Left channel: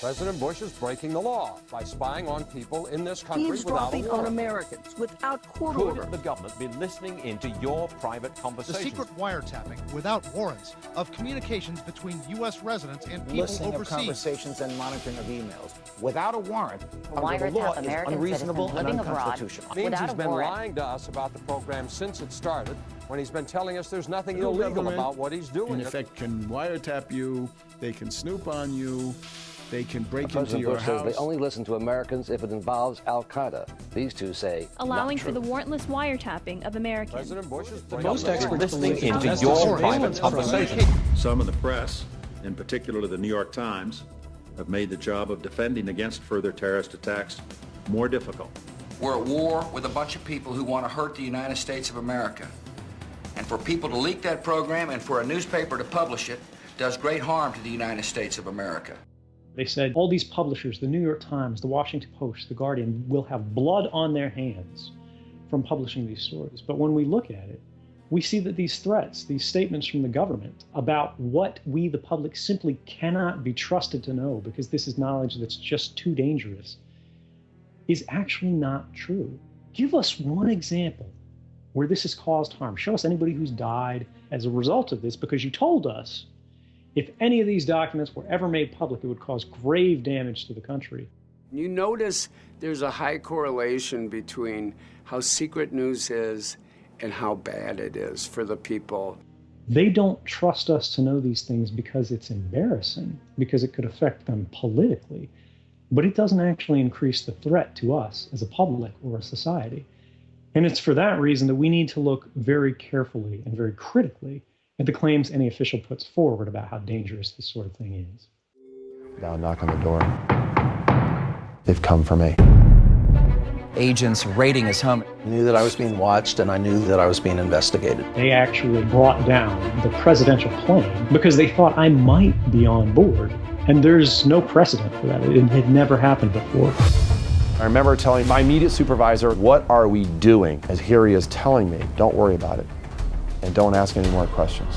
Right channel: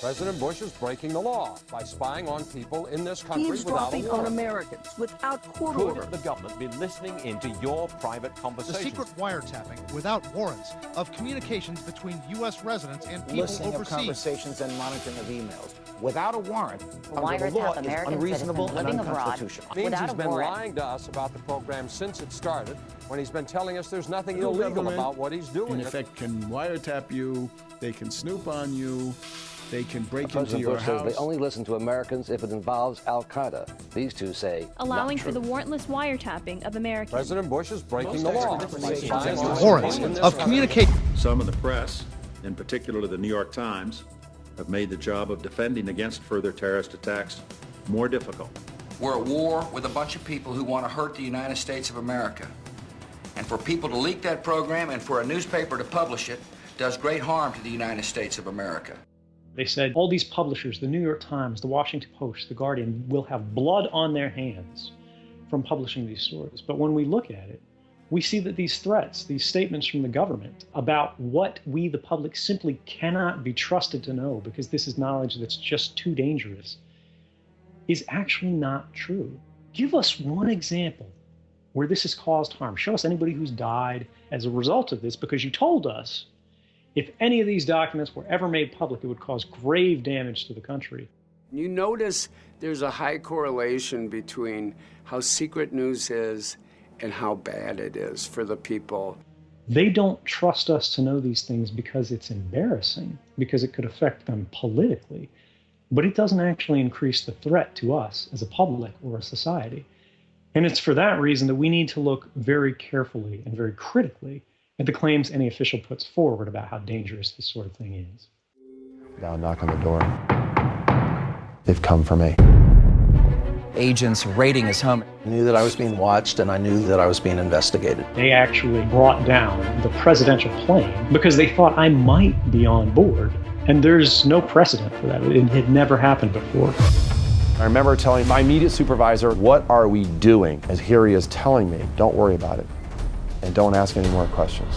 President Bush is breaking the law by spying on people in this country without a eavesdropping warrant. on Americans without court order. Could the government be listening into your private The conversations? secret wiretapping without warrants of communications between U.S. residents and people Listening overseas. of conversations and monitoring of emails without a warrant under Wiretap the law is American unreasonable citizens and living abroad. unconstitutional. It means Without he's a been warrant. lying to us about the program since it started, when he's been telling us there's nothing The illegal government, about what he's doing. in effect, can wiretap you, they can snoop on you, they can break into President your Bush says house. they only listen to Americans if it involves Al-Qaeda. These two say allowing not for true. the warrantless wiretapping of Americans. President Bush is breaking Most the law. experts Listening believe into just your warrants private of communication. Some in the press, in particular the New York Times, have made the job of defending against further terrorist attacks more difficult. We're at war with a bunch of people who want to hurt the United States of America. And for people to leak that program and for a newspaper to publish it does great harm to the United States of America. They said all these publishers, the New York Times, the Washington Post, the Guardian, will have blood on their hands from publishing these stories. But when we look at it, we see that these threats, these statements from the government about what we, the public, simply cannot be trusted to know because this is knowledge that's just too dangerous, is actually not true. Give us one example where this has caused harm. Show us anybody who's died as a result of this, because you told us if any of these documents were ever made public, it would cause grave damage to the country. You notice there's a high correlation between how secret news is and how bad it is for the people. They don't trust us to know these things because it's embarrassing, because it could affect them politically, but it doesn't actually increase the threat to us as a public or a society. And it's for that reason that we need to look very carefully and very critically at the claims any official puts forward about how dangerous this sort of thing is. Now knock on the door. They've come for me. Agents raiding his home. I knew that I was being watched and I knew that I was being investigated. They actually brought down the presidential home because they thought I might be on the board. And there's no precedent for that. It never happened before. I remember telling my immediate supervisor, what are we doing? As here he is telling me, don't worry about it and don't ask any more questions.